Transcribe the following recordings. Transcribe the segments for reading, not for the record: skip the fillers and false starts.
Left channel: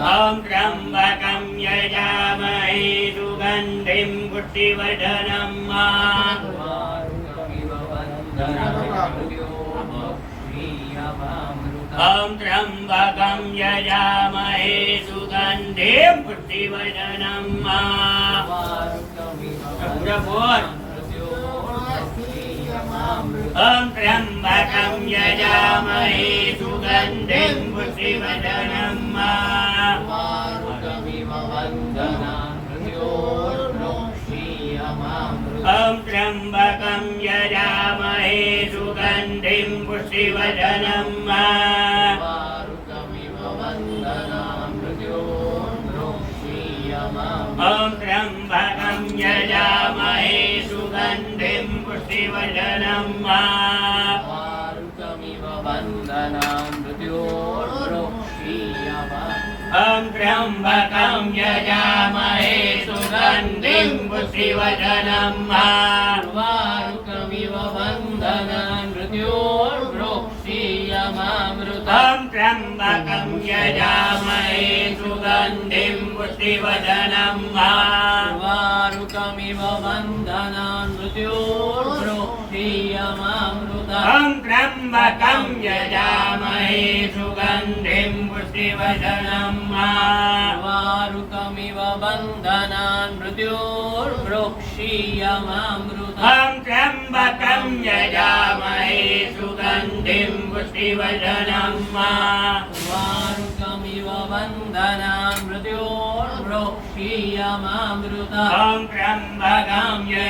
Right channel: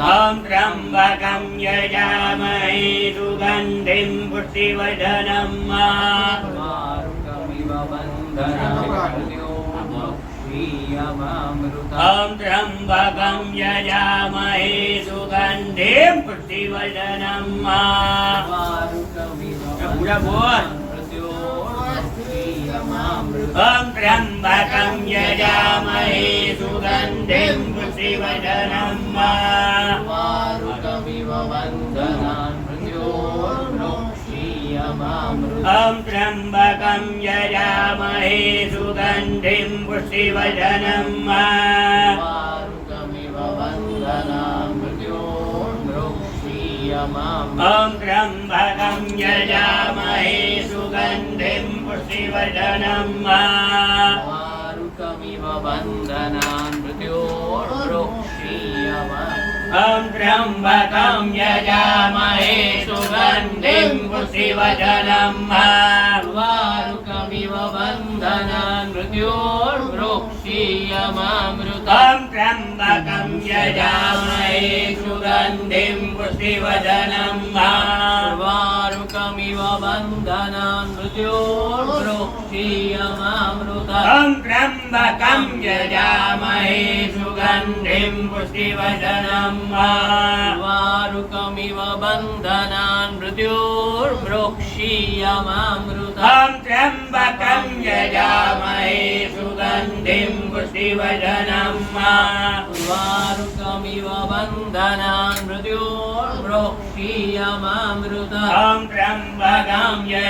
ॐ त्र्यम्बकं यजामहे सुगन्धिं पुष्टिवर्धनम् ॐ त्र्यम्बकं यजामहे सुगन्धिं पुष्टिवर्धनम् पूरा बोल ॐ त्र्यम्बकं यजामहे सुगन्धिं पुष्टिवर्धनम् ॐ त्र्यम्बकं यजामहे सुगन्धिं पुष्टिवर्धनम् ॐ त्र्यम्बकं यजामहे सुगन्धिं पुष्टिवर्धनम् ॐ त्र्यम्बकं यजामहे सुगन्धिं पुष्टिवर्धनम् वारुकमिव बन्धनान् मृत्योर्वृक्षीयमामृतम् ॐ त्र्यम्बकं यजामहे सुगन्धिं पुष्टिवर्धनम् वारुकमिव बन्धनान् मृत्योर्वृक्षीयमामृतम् ॐ त्र्यम्बकं यजामहे सुगन्धिं पुष्टिवर्धनम् वारुकमिव बन्धनान् मृत्योर्वृक्षीयमामृतम् ॐ त्र्यम्बकं यजामहे सुगन्धिं पुष्टिवर्धनम्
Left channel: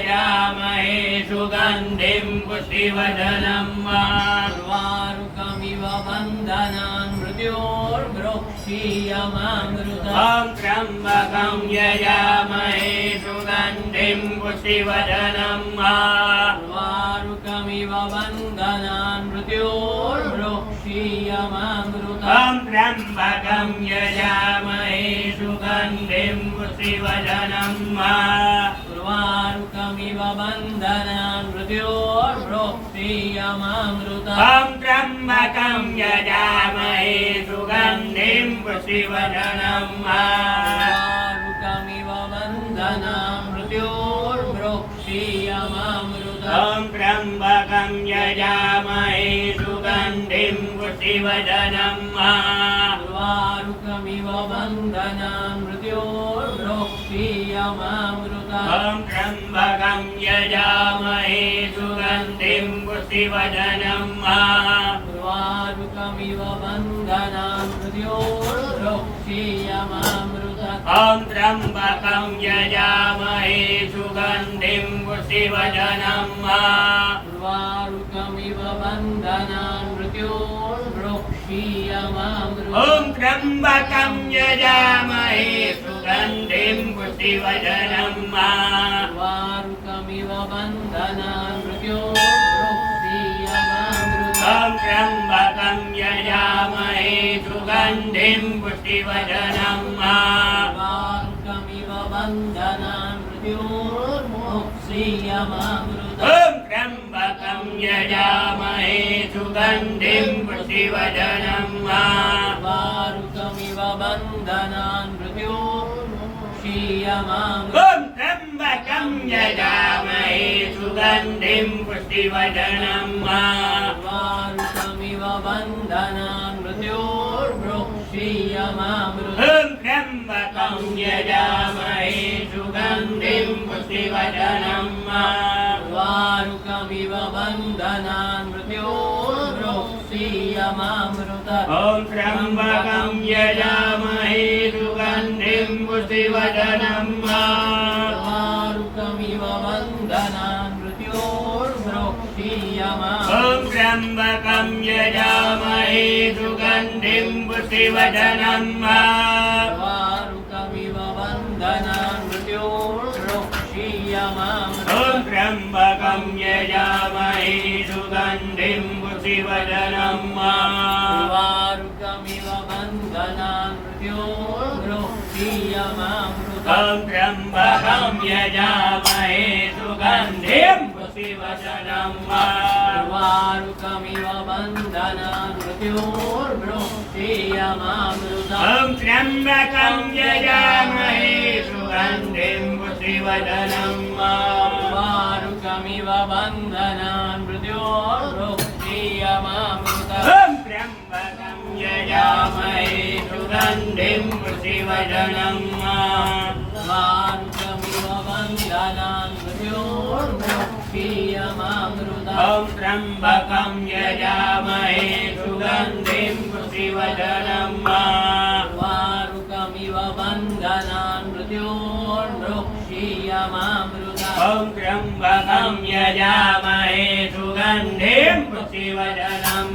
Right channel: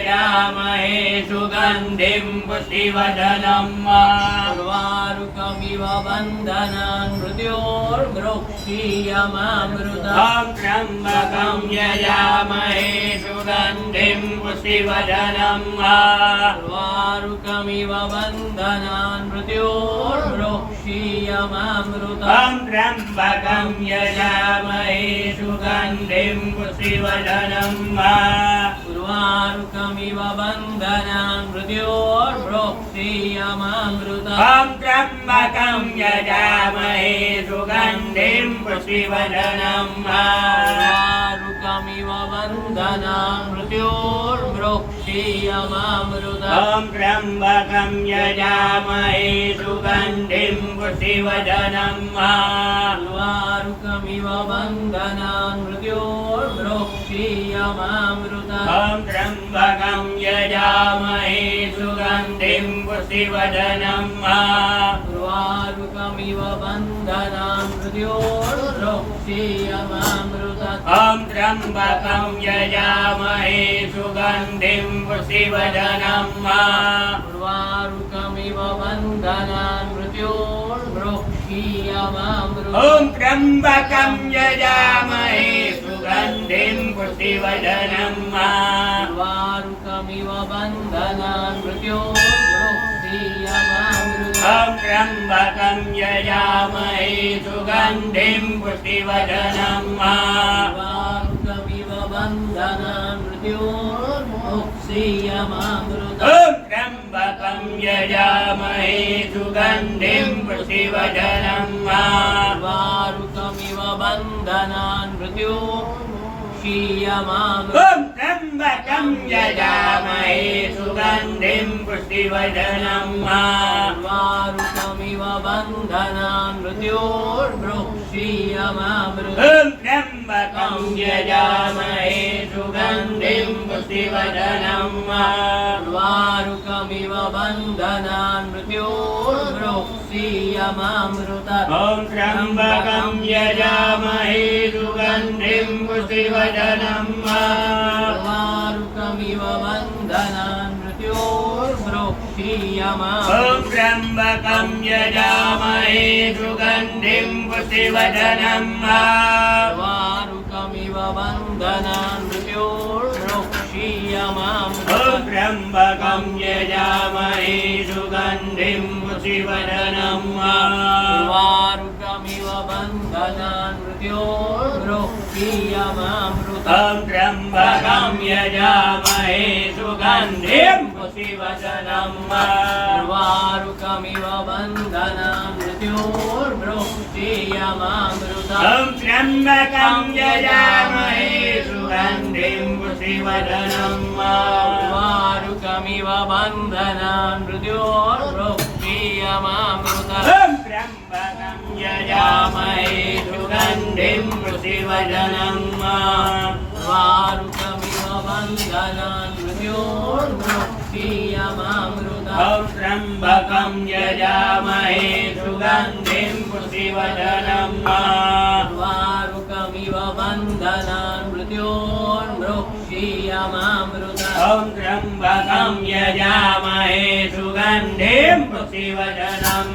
वारुकमिव बन्धनान् मृत्योर्वृक्षीयमामृतम् ॐ त्र्यम्बकं यजामहे सुगन्धिं पुष्टिवर्धनम् वारुकमिव बन्धनान् मृत्योर्वृक्षीयमामृतम् ॐ त्र्यम्बकं यजामहे सुगन्धिं पुष्टिवर्धनम् वारुकमिव बन्धनान् मृत्योर्वृक्षीयमामृतम् ॐ त्र्यम्बकं यजामहे सुगन्धिं पुष्टिवर्धनम् वारुकमिव बन्धनान् मृत्योर्वृक्षीयमामृतम् ॐ त्र्यम्बकं यजामहे सुगन्धिं पुष्टिवर्धनम् वारुकमिव बन्धनान् मृत्योर्वृक्षीयमामृतम् ॐ त्र्यम्बकं यजामहे सुगन्धिं पुष्टिवर्धनम् वारुकमिव बन्धनान् मृत्योर्वृक्षीयमामृतम् ॐ त्र्यम्बकं यजामहे सुगन्धिं पुष्टिवर्धनम् वारुकमिव बन्धनान् मृत्योर्वृक्षीयमामृतम् ॐ त्र्यम्बकं यजामहे सुगन्धिं पुष्टिवर्धनम् वारुकमिव बन्धनान् मृत्योर्वृक्षीयमामृतम् ॐ त्र्यम्बकं यजामहे सुगन्धिं पुष्टिवर्धनम् वारुकमिव बन्धनान् मृत्योर्वृक्षीयमामृतम् ॐ त्र्यम्बकं यजामहे सुगन्धिं पुष्टिवर्धनम् वारुकमिव बन्धनान् मृत्योर्वृक्षीयमामृतम् ॐ त्र्यम्बकं यजामहे सुगन्धिं पुष्टिवर्धनम् वारुकमिव बन्धनान् मृत्योर्वृक्षीयमामृतम् ॐ त्र्यम्बकं यजामहे सुगन्धिं पुष्टिवर्धनम् वारुकमिव बन्धनान् मृत्योर्वृक्षीयमामृतम् ॐ त्र्यम्बकं यजामहे सुगन्धिं पुष्टिवर्धनम् वारुकमिव बन्धनान् मृत्योर्वृक्षीयमामृतम् ॐ त्र्यम्बकं यजामहे सुगन्धिं पुष्टिवर्धनम् वारुकमिव बन्धनान् मृत्योर्वृक्षीयमामृतम् ॐ त्र्यम्बकं यजामहे सुगन्धिं पुष्टिवर्धनम् वारुकमिव बन्धनान् मृत्योर्वृक्षीयमामृतम् ॐ त्र्यम्बकं यजामहे सुगन्धिं पुष्टिवर्धनम् वारुकमिव बन्धनान् मृत्योर्वृक्षीयमामृतम् ॐ त्र्यम्बकं यजामहे सुगन्धिं पुष्टिवर्धनम् वारुकमिव बन्धनान् ॐ त्र्यम्बकं यजामहे सुगन्धिं पुष्टिवर्धनम् वारुकमिव बन्धनान् मृत्योर्मुक्षीयमामृतम् ॐ त्र्यम्बकं यजामहे सुगन्धिं पुष्टिवर्धनम् वारुकमिव बन्धनान् मृत्योर्मुक्षीयमामृतम् ॐ त्र्यम्बकं यजामहे सुगन्धिं पुष्टिवर्धनम् वारुकमिव बन्धनान् मृत्योर्मुक्षीयमामृतम् ॐ त्र्यम्बकं यजामहे सुगन्धिं पुष्टिवर्धनम्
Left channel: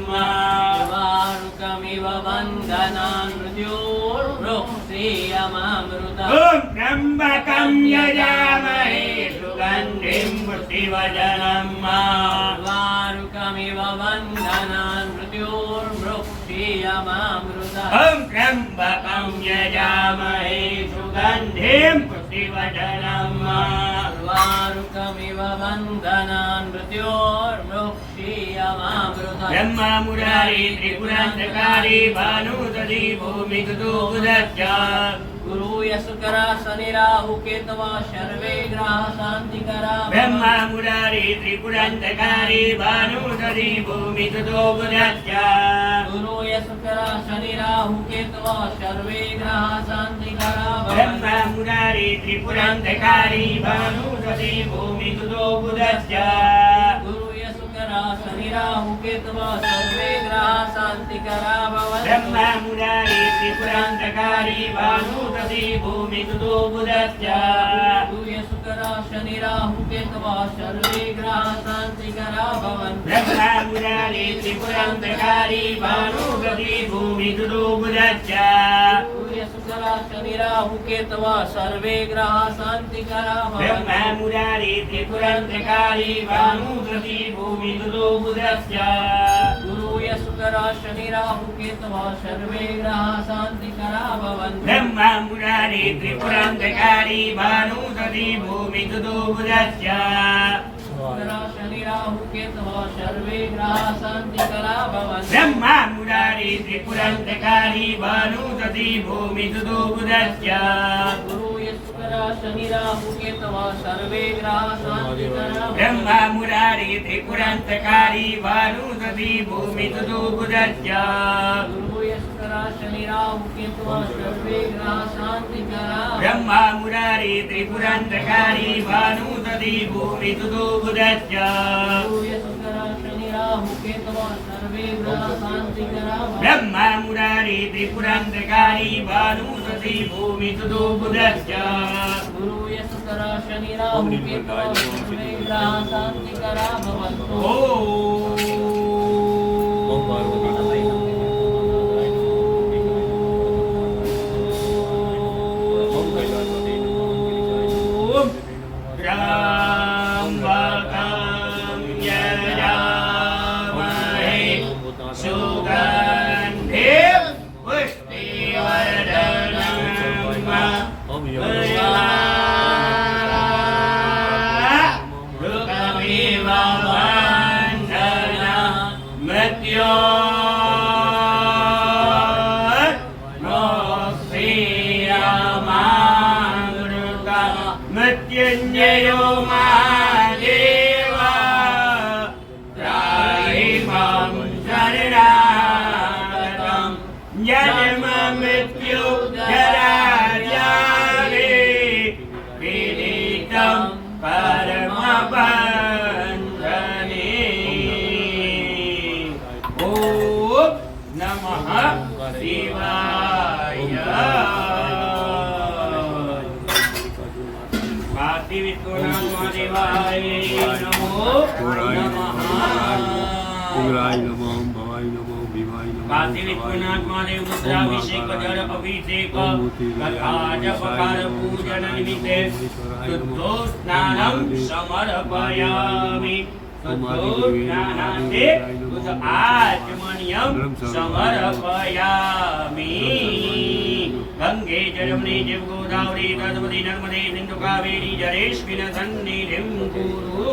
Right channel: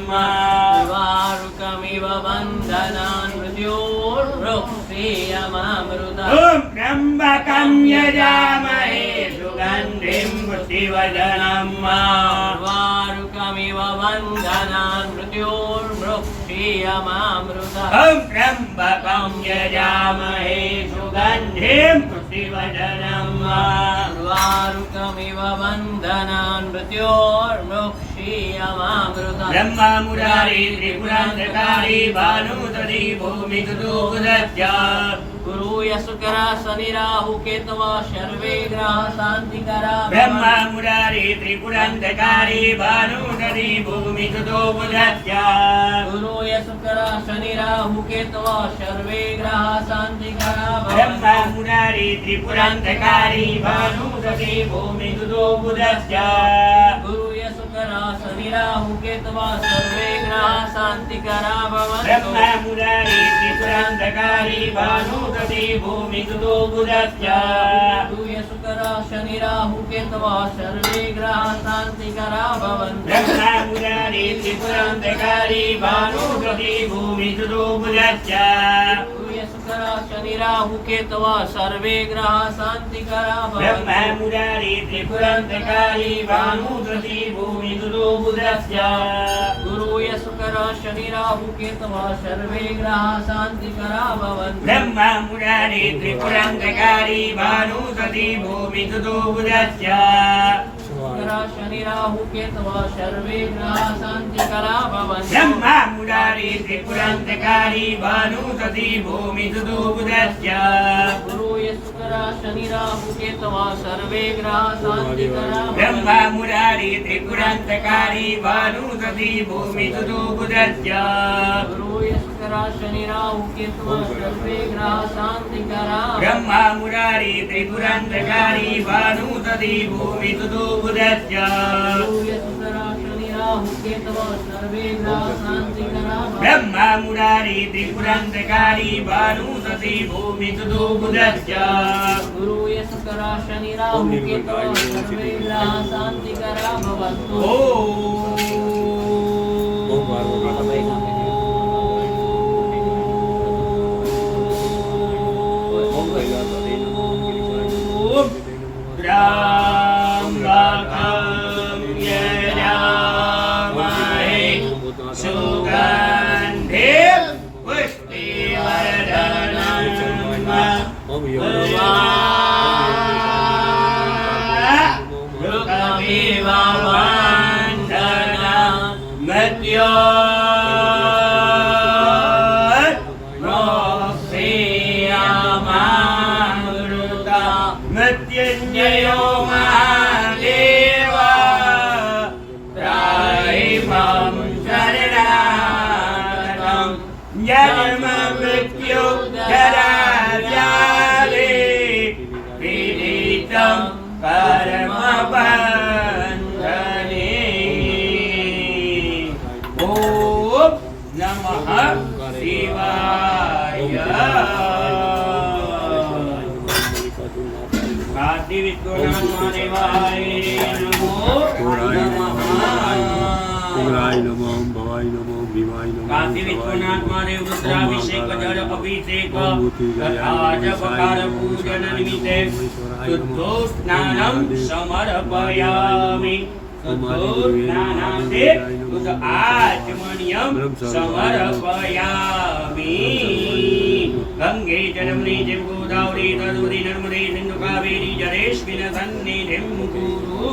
वारुकमिव बन्धनान् मृत्योर्मुक्षीयमामृतम् ॐ त्र्यम्बकं यजामहे सुगन्धिं पुष्टिवर्धनम् वारुकमिव बन्धनान् मृत्योर्मुक्षीयमामृतम् ॐ त्र्यम्बकं यजामहे सुगन्धिं पुष्टिवर्धनम् वारुकमिव बन्धनान् मृत्योर्मुक्षीयमामृतम् ब्रह्मा मुरारी त्रिपुरान्तकारी भानुदधि भूमिदुदुदज्ज गुरुय शुकरा शनि राहु केतवा सर्वे ग्रह शान्तिकरा ब्रह्मा मुरारी त्रिपुरान्तकारी भानुदधि भूमिदुदुदज्ज गुरुय शुकरा शनि राहु केतवा सर्वे ग्रह शान्तिकरा ब्रह्मा मुरारी त्रिपुरान्तकारी भानुदधि भूमिदुदुदज्ज गुरुय शुकरा शनि राहु केतवा सर्वे ग्रह शान्तिकरा ब्रह्मा मुरारी त्रिपुरान्तकारी भानुदधि भूमिदुदुदज्ज गुरुय शुकरा शनि राहु केतवा सर्वे ग्रह शान्तिकरा भवन्तु ब्रह्मा मुरारी त्रिपुरान्तकारी भानुदधि भूमिदुदुदज्ज गुरुय शुकरा शनि राहु केतवा सर्वे ग्रह शान्तिकरा ब्रह्मा भवन्तु मुरारी त्रिपुरान्तकारी भानुदधि भूमिदुदुदज्ज गुरुय शुकरा शनि राहु केतवा सर्वे ग्रह शान्तिकरा भवन्तु ब्रह्मा मुरारी त्रिपुरान्तकारी भानुदधि भूमिदुदुदज्ज शुकरा शनि राहु केतवा सर्वे ग्रह शान्तिकरा भवन्तु ब्रह्मा मुरारी त्रिपुरान्तकारी भानुदधि भूमिदुदुदज्ज गुरुय शुकरा शनि राहु केतवा सर्वे ग्रह शान्तिकरा ब्रह्मा मुरारी त्रिपुरान्तकारी भानुदधि भूमिदुदुदज्ज गुरुय शुकरा शनि राहु केतवा सर्वे ग्रह शान्तिकरा ब्रह्मा मुरारी त्रिपुरान्तकारी भानुदधि भूमिदुदुदज्ज गुरुय शुकरा शनि राहु केतवा सर्वे ग्रह शान्तिकरा ब्रह्मा मुरारी त्रिपुरान्तकारी भानुदधि भूमिदुदुदज्ज गुरुय शुकरा शनि राहु केतवा सर्वे ग्रह शान्तिकरा भवन्तु त्र्यम्बकं यजामहे सुगन्धिं पुष्टिवर्धनम् रुकमिव बन्धनान् मृत्योर्मुक्षीयमामृतम् मृत्युञ्जयो महादेव त्राहिमं शरणागतं जन्म मृत्यु जराव्याधि पीडितं परमबन्धने ॐ नमः शिवाय कार्तिविद्वनाथ महादेवाय नमो उग्राय नमः भवाय नमः विवाय नमः कार्तिविद्वनाथ महादेव रुद्राभिषेक जल अभिषेक तथा जपकार पूजन निमित्ते शुद्धोस्नानं समर्पयामि शुद्धोस्नानान्ते शुद्ध आचमनीयं समर्पयामि गंगे जलमनि जव गोदावरी नर्मदे नर्मदे सिन्धु कावेरी जलेस्मिन् सन्निधिं कुरु